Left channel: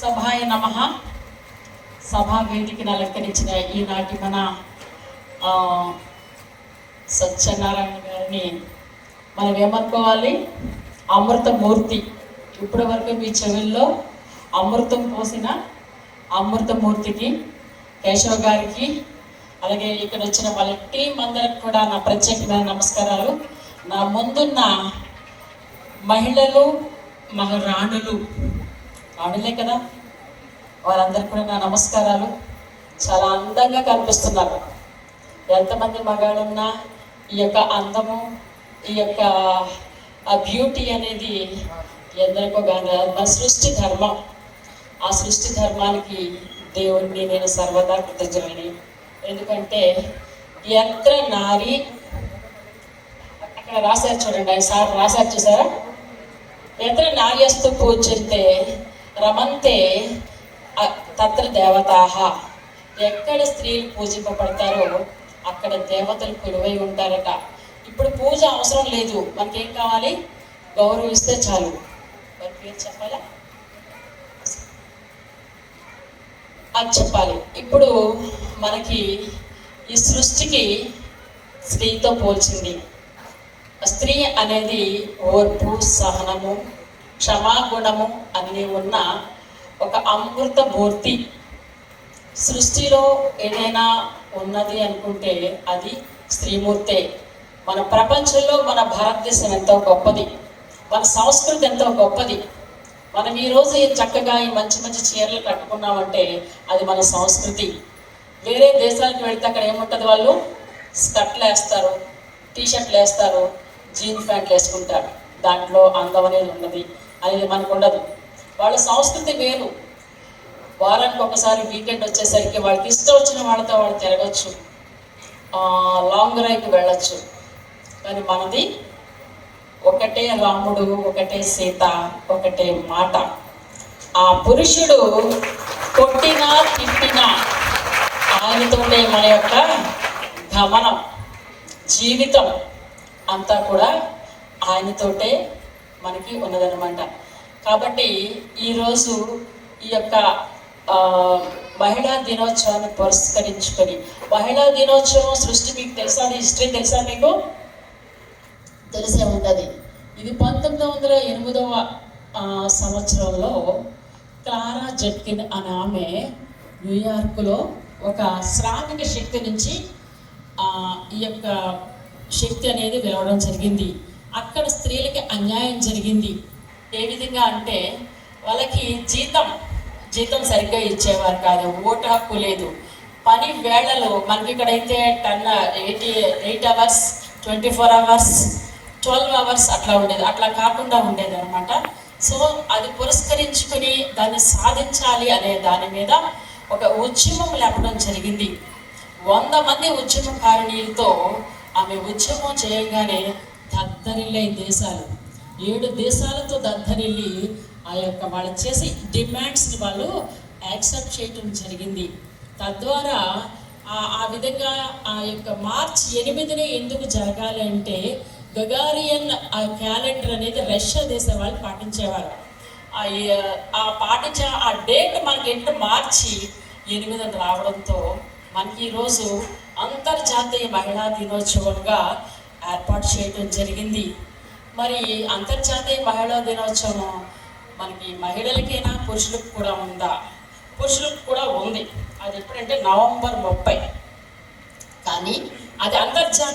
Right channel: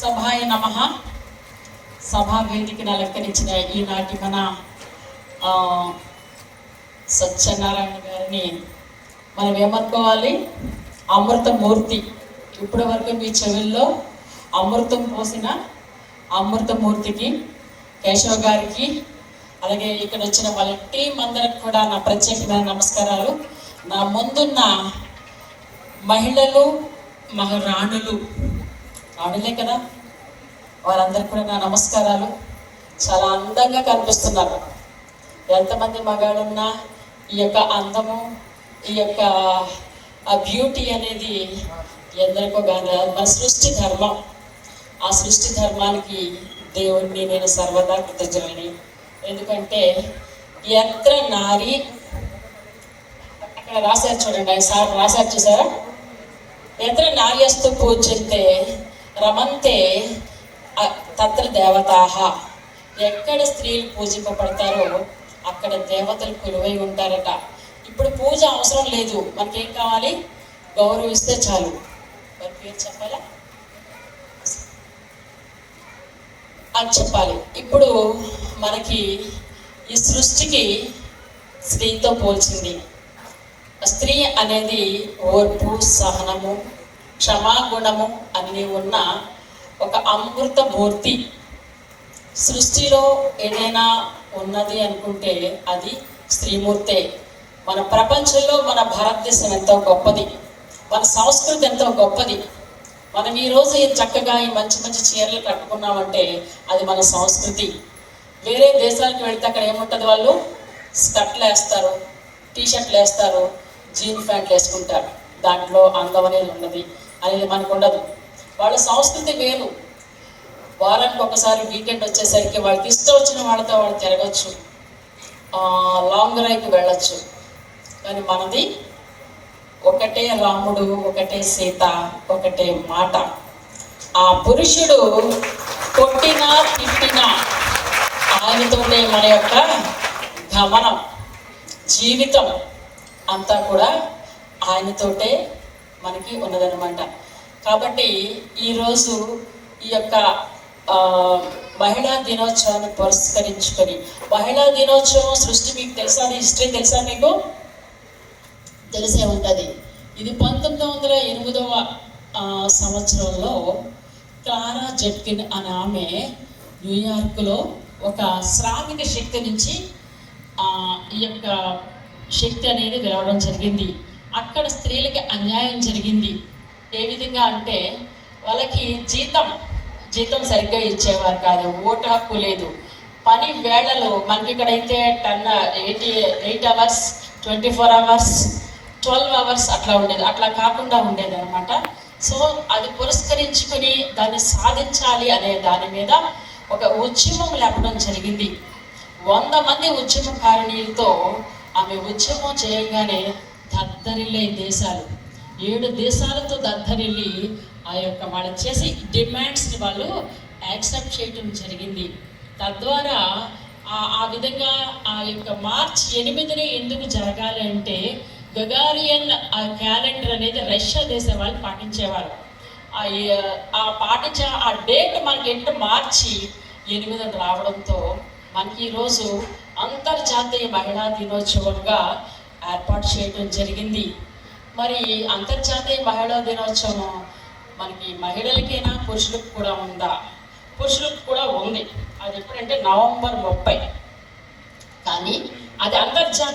సభాయ నమః. సభా వేదికను అలంకరించిన ఈనాటి మన సత్యనారాయణ గారిని మనం ఏమనుకోవాలి? అమృతమూర్తి. ఇప్పటి వరకు మీ చెవుల్లో అమృతం పోసిన అమృతమూర్తికి, కేశవ గారికి, అలాగే ఇక్కడ వచ్చిన వాళ్ళ టీం అందరికి కూడా నా ప్రత్యేక నమస్కారాలు. నా ముందున్న మహిళలు, మహారాణులు, రాణులే కదా, వారందరికీ కూడా నా నమస్కారాలు. చాలా అందంగా కనిపిస్తున్నారు. ఎంతమంది మగాళ్ళున్నా ఈ యొక్క అందము, ఈ యొక్క బ్యూటీ అనేది ఎందరికో కానీ మన సృష్టి ధర్మం. ఆ సృష్టి ధర్మానికి దేవుడిని నేను సర్వదా కృతజ్ఞులని. ఎందుకంటే ఎత్ర నారి, అక్కడ రాశారు చూడండి, సార్ రాశారు చూసారా, ఎత్ర నార్యస్తు పూజిస్తే రమంతే తత్ర దేవతాహ. ఎక్కడ స్త్రీలు పూజింపబడతారో అక్కడ దేవతలు కొలువై ఉంటారట. ఇప్పుడు పూజ అవసరం లేదు, మనకేం కావాలి? గౌరవిస్తే చాలు. మరి పేరు చెప్పాలా? అది చెప్పాలి. ఇప్పుడు మనకి ఈ సృష్టికి స్త్రీతో పోల్చింది. స్త్రీ అనేది ఓర్పు, సహనము, క్షమాగుణము అన్నీ ఉన్న ఒక అమృత మూర్తి. సృష్టిలో ఏదైనా ఉన్నది అనుకుంటే అది స్త్రీమూర్తే. మన ప్రపంచంలో మన భారతదేశం ఎంతో గొప్పది, మన సంస్కృతి ఎంతో గొప్పది. మనం ఈరోజు చక్కగా ఈ మంచి మంచి చీరలు కట్టుకున్నామంటే అది మన సంస్కృతి. వేరే దేశాలకు వెళ్తే అక్కడ ఏముంటుంది? వాళ్ళు స్కర్ట్లు వేస్తారు, టీషర్ట్లు వేస్తారు, జీన్ ప్యాంట్లు వేసుకుంటారు. దాంట్లో అందం అనేది ఉంటుంది, అనేది మనకు ఉండదు. వాళ్ళ సంస్కృతి వేరు. వారానికి ఒకసారి వీకెండ్ వచ్చేసరికి వాళ్ళకి ఇష్టం వచ్చిన వాళ్ళతో వాళ్ళు తిరగచ్చు, లాంగ్ డ్రైవ్కి వెళ్ళచ్చు. కానీ మనది ఒకటే రాముడు, ఒకటే సీత, ఒకటే మాట. ఆ పురుషుడు కొట్టినా తిప్పినా ఆయనతోటే మన యొక్క గమనం, జీవితం అంతా కూడా ఆయనతోటే మనకి ఉన్నదన్నమాట. కాబట్టి ఈరోజు ఈ యొక్క మహిళా దినోత్సవాన్ని పురస్కరించుకొని, మహిళా దినోత్సవం సృష్టి మీకు తెలుసా? హిస్టరీ తెలుసా? మీకు తెలిసే ఉంటుంది. ఇది 1908వ సంవత్సరంలో క్లారా జెట్కిన్ అనే ఆమె న్యూయార్క్లో ఒక శ్రామిక శక్తి నుంచి ఈ యొక్క శక్తి అనేది వెలవడం జరిగింది. అక్కడ స్త్రీలకి అన్యాయం జరిగింది. ఏ విధంగా అంటే వాళ్ళకి జీతం సరిగ్గా ఇచ్చేవారు కాదు, ఓటు హక్కు లేదు, పని వేళలు మనకి ఇక్కడైతే 8 అవర్స్, 24 అవర్స్, 12 అవర్స్ అట్లా ఉండేది. అట్లా కాకుండా ఉండేది అనమాట. సో అది పురస్కరించుకుని దాన్ని సాధించాలి అనే దాని మీద ఒక ఉద్యమం లేపడం జరిగింది. 100 మంది ఉద్యమకారిణీలతో ఆమె ఉద్యమం చేయగానే దద్దరిల్లే దేశాలు, 7 దేశాలతో దద్దరిల్లి ఆ యొక్క వాళ్ళు చేసి డిమాండ్స్ని వాళ్ళు యాక్సెప్ట్ చేయటం జరిగింది. తద్వారా ఆ విధంగా ఆ యొక్క మార్చి 8నే ఎందుకు జరగాలి అంటే గగారియన్ క్యాలెండర్ అనేది రష్యా దేశం వాళ్ళు పాటించేవారు. పాటించే ఆ డేట్ మనకి ఏంటో మార్చి 8 రావడంతో మనకి ఈరోజు అంతర్జాతీయ మహిళా దినోత్సవంగా ఏర్పాటు చేయడం జరిగింది. మరి అంతర్జాతీయ మహిళా దినోత్సవం మనకి మహిళలకైనా పురుషులకు కూడా ఉందా? పురుషులకు కూడా ఉంది. అది ఎప్పుడంటే నవంబర్ 30. కానీ అది అంతర్జాతీయ